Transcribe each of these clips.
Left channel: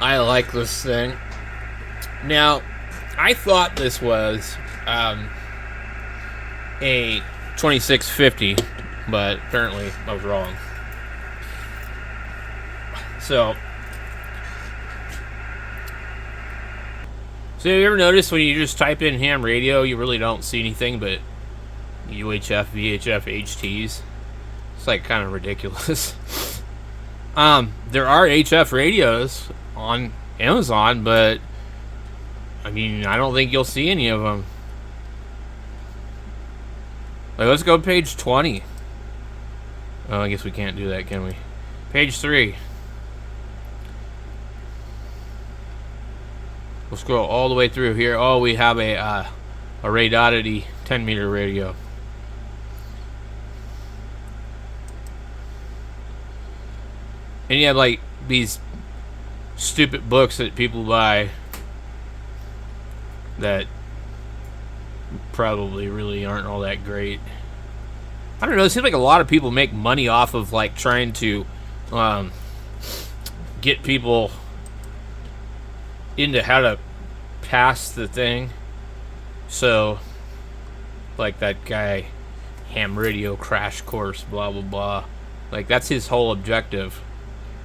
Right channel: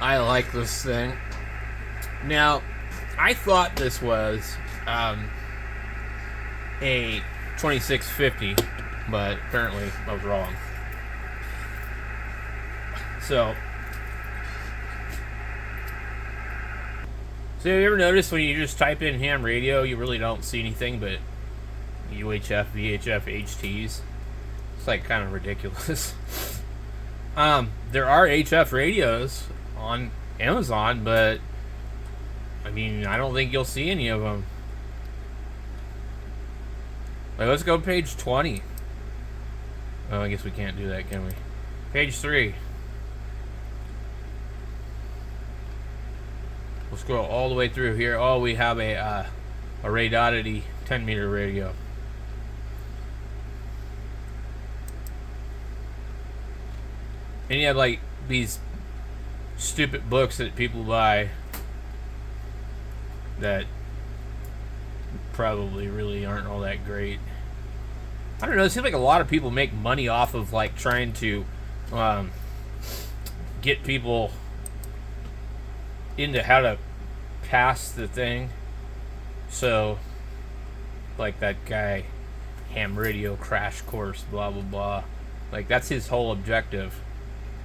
I like this thing. Now, I thought this was a 2650, but apparently I was wrong. So you ever notice when you just type in ham radio, you really don't see anything but UHF, VHF, HTs? It's like kind of ridiculous. There are HF radios on Amazon, but I mean, I don't think you'll see any of them. Like, let's go to page 20. Oh, I guess we can't do that, can we? Page 3. We'll scroll all the way through here. Oh, we have a Radioddity 10 meter radio. And you have like these stupid books that people buy that probably really aren't all that great. I don't know. It seems like a lot of people make money off of like trying to get people into how to pass the thing. So, like that guy, ham radio crash course, blah blah blah. Like that's his whole objective.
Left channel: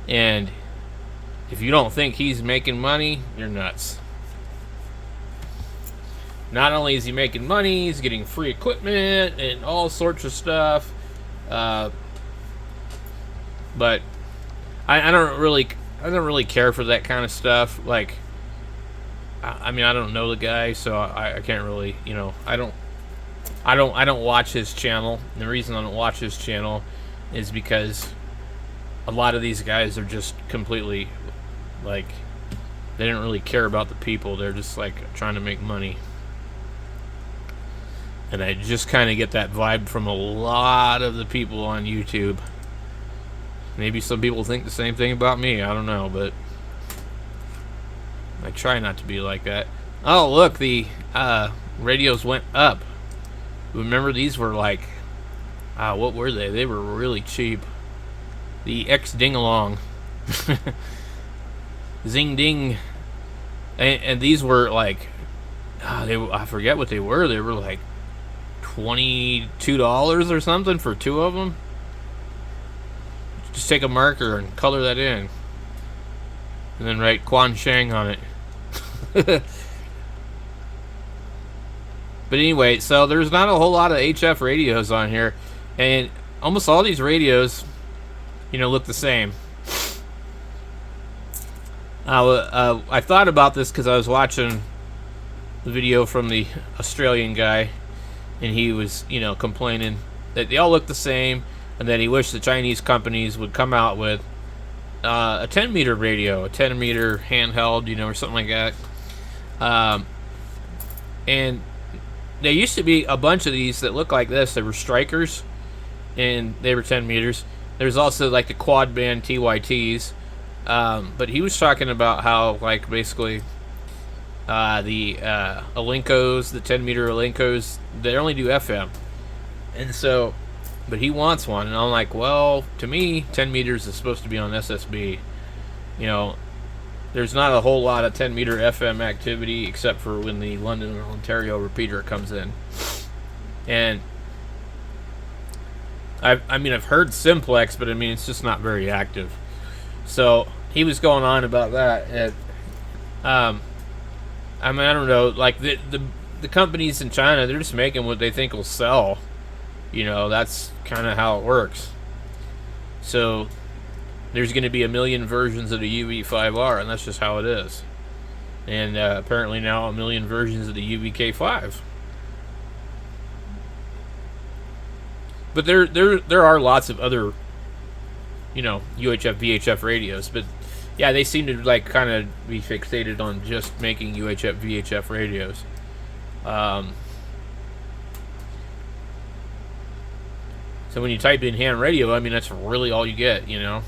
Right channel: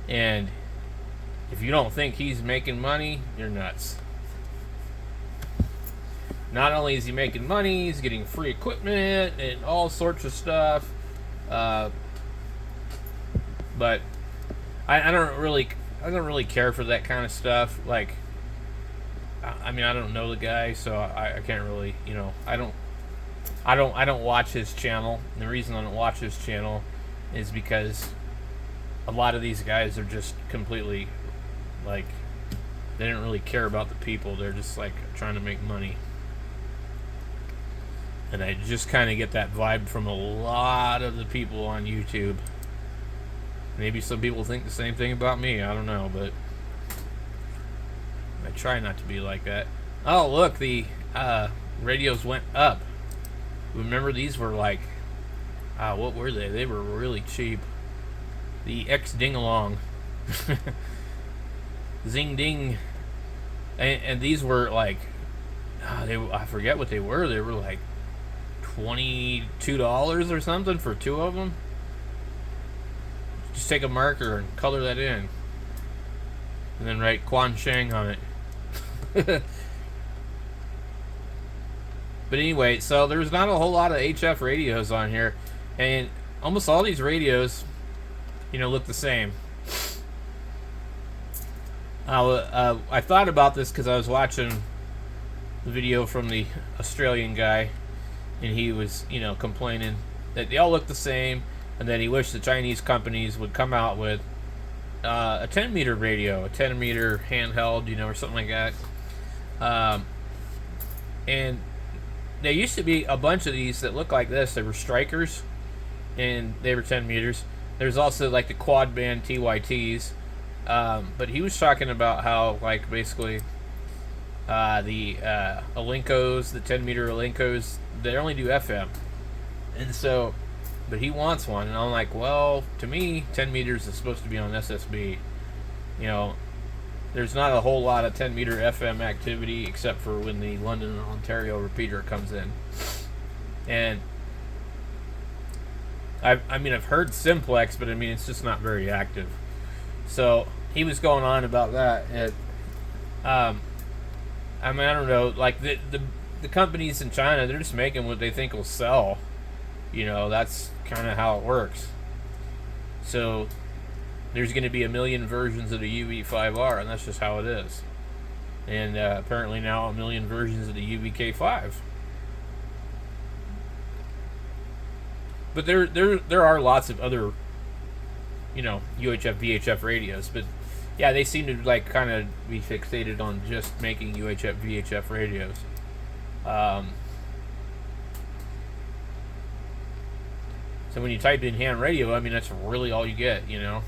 And if you don't think he's making money, you're nuts. Not only is he making money, he's getting free equipment and all sorts of stuff. But I don't really care for that kind of stuff. Like, I mean, I don't know the guy, so I can't really, I don't watch his channel. And the reason I don't watch his channel is because a lot of these guys are just completely like, they don't really care about the people. They're just like trying to make money. And I just kind of get that vibe from a lot of the people on YouTube. Maybe some people think the same thing about me. I don't know, but I try not to be like that. Oh, look, the radios went up. Remember, these were like, what were they? They were really cheap. The X Ding-along. Zing Ding. And these were like, I forget what they were. They were like $22 or something for two of them. Just take a marker and color that in, and then write Quan Shang on it. But anyway, so there's not a whole lot of HF radios on here, and almost all these radios, look the same. I thought about this because I was watching the video from the Australian guy, and he was, complaining that they all look the same, and that he wished the Chinese companies would come out with a 10 meter radio, a 10 meter handheld, or something like that. And there used to be a bunch of these that look like this. They were Strikers, and they were 10 meters. There's also like the quad band TYTs. But he was talking about how, like, basically the Alenkos, the 10 meter Alenkos, they only do FM. And so, but he wants one. And I'm like, well, to me, 10 meters is supposed to be on SSB. There's not a whole lot of 10 meter FM activity except for when the London and Ontario repeater comes in. And I've heard Simplex, but it's just not very active. So he was going on about that. And, I don't know, like the companies in China, they're just making what they think will sell. That's kind of how it works. So there's going to be a million versions of the UV5R, and that's just how it is. And apparently now a million versions of the UVK5. But there are lots of other, UHF, VHF radios. But yeah, they seem to like kind of be fixated on just making UHF, VHF radios. So when you type in ham radio, that's really all you get, You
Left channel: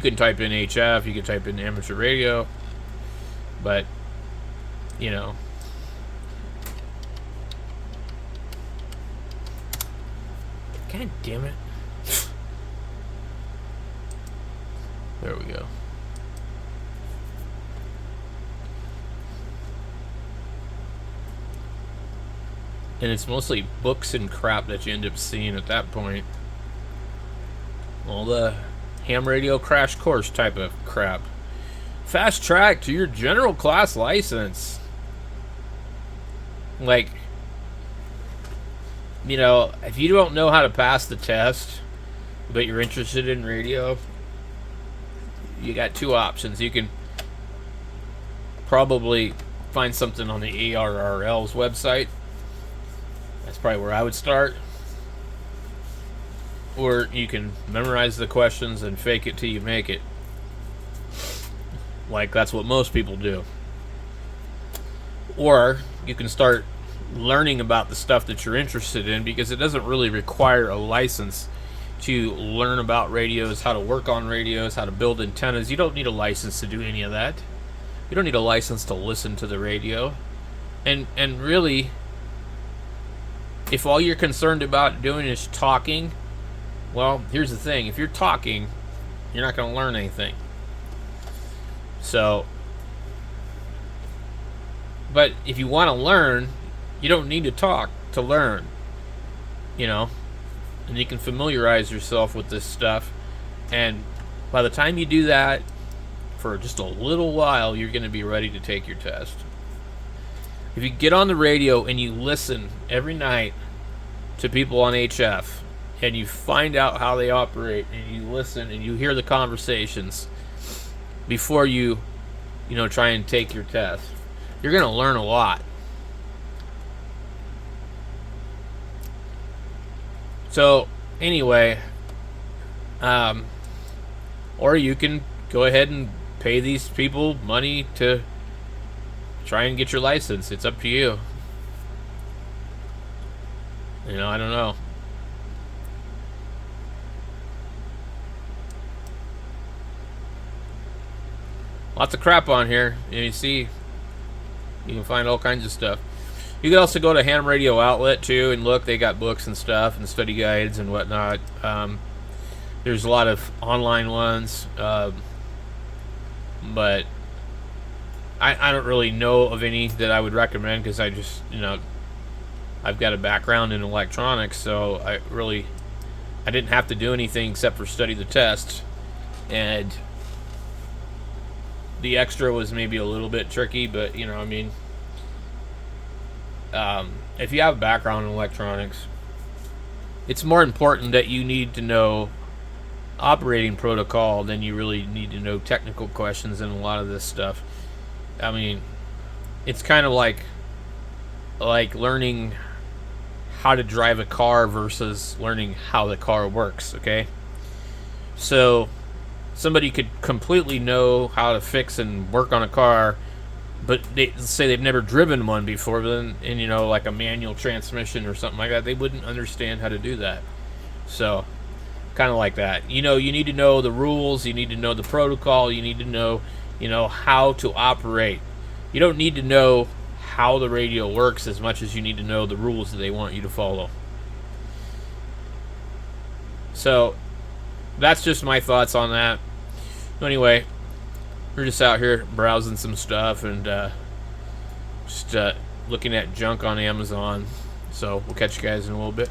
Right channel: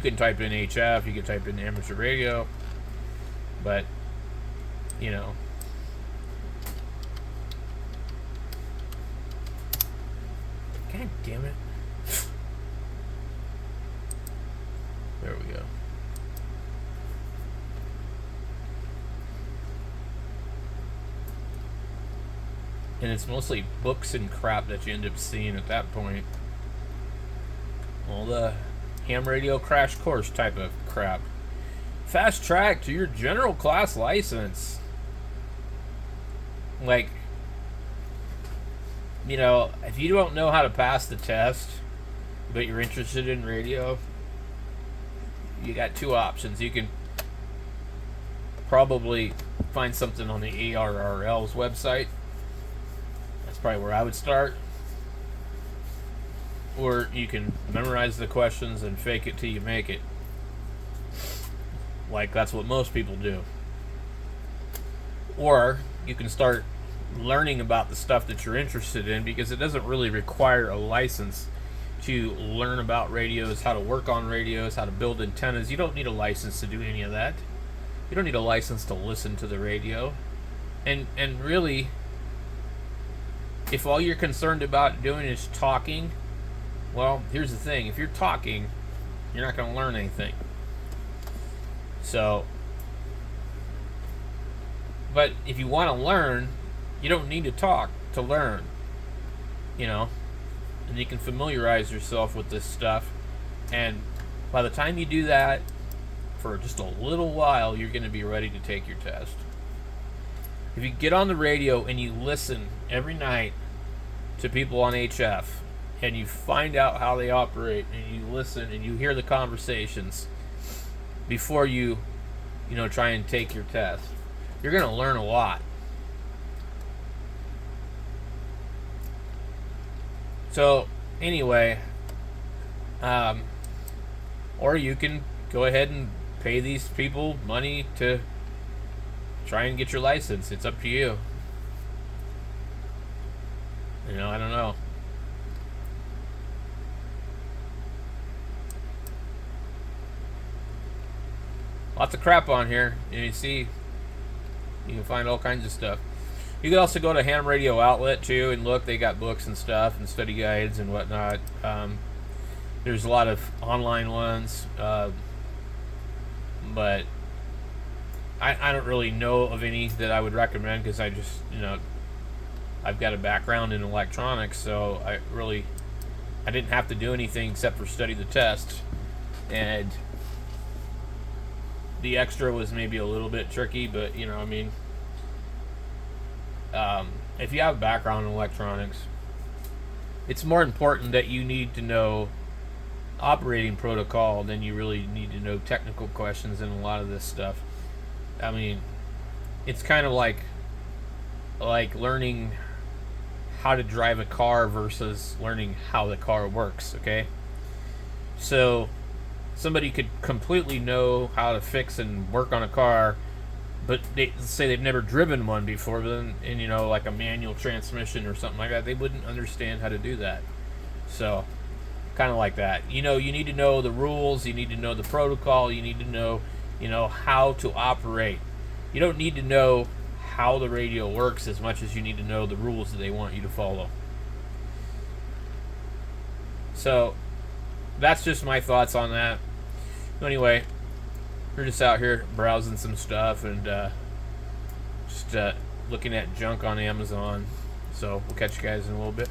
can type in HF, you can type in amateur radio, but, God damn it. There we go. And it's mostly books and crap that you end up seeing at that point. All the ham radio crash course type of crap. Fast track to your general class license. Like, you know, if you don't know how to pass the test, but you're interested in radio, you got two options. You can probably find something on the ARRL's website. That's probably where I would start. Or you can memorize the questions and fake it till you make it. Like, that's what most people do. Or you can start learning about the stuff that you're interested in, because it doesn't really require a license to learn about radios, how to work on radios, how to build antennas. You don't need a license to do any of that. You don't need a license to listen to the radio. And really, if all you're concerned about doing is talking, well, here's the thing. If you're talking, you're not going to learn anything. So, but if you want to learn, you don't need to talk to learn, you know, and you can familiarize yourself with this stuff. And by the time you do that, for just a little while, you're going to be ready to take your test. If you get on the radio and you listen every night to people on HF, and you find out how they operate, and you listen and you hear the conversations before you try and take your test, you're going to learn a lot. So anyway, or you can go ahead and pay these people money to try and get your license. It's up to you. You know, I don't know. Lots of crap on here. You see, you can find all kinds of stuff. You can also go to Ham Radio Outlet too and look. They got books and stuff and study guides and whatnot. There's a lot of online ones, but I don't really know of any that I would recommend, because I just, I've got a background in electronics, so I didn't have to do anything except for study the test, and the extra was maybe a little bit tricky, but if you have a background in electronics, it's more important that you need to know operating protocol than you really need to know technical questions in a lot of this stuff. I mean, it's kind of like learning how to drive a car versus learning how the car works, okay? So somebody could completely know how to fix and work on a car, but they say they've never driven one before, and like a manual transmission or something like that, they wouldn't understand how to do that. So kind of like that. You need to know the rules, you need to know the protocol, you need to know, how to operate. You don't need to know how the radio works as much as you need to know the rules that they want you to follow. So that's just my thoughts on that. Anyway, we're just out here browsing some stuff and just looking at junk on Amazon. So we'll catch you guys in a little bit.